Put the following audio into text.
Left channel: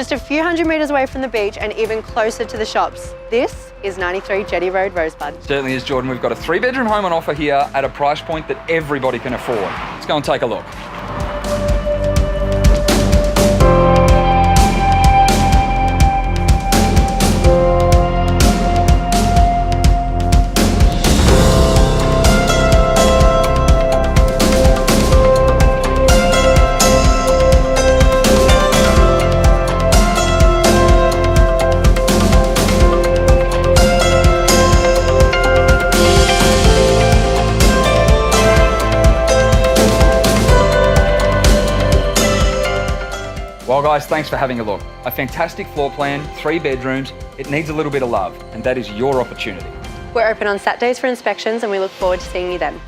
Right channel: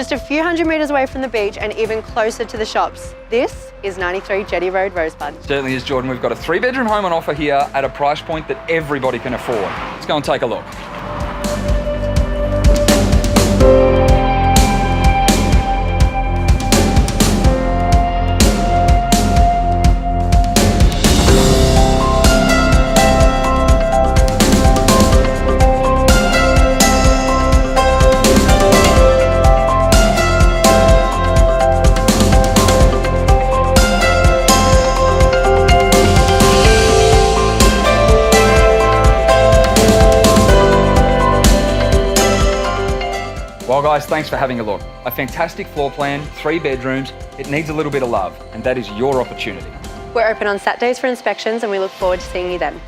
Just a few hundred metres away from the beach and even closer to the shops. This is 93 Jetty Road, Rosebud. Certainly is, Jordan. We've got a 3-bedroom home on offer here at a price point that everybody can afford. Let's go and take a look. Well guys, thanks for having a look. A fantastic floor plan, 3 bedrooms. It needs a little bit of love, and that is your opportunity. We're open on Saturdays for inspections and we look forward to seeing you then.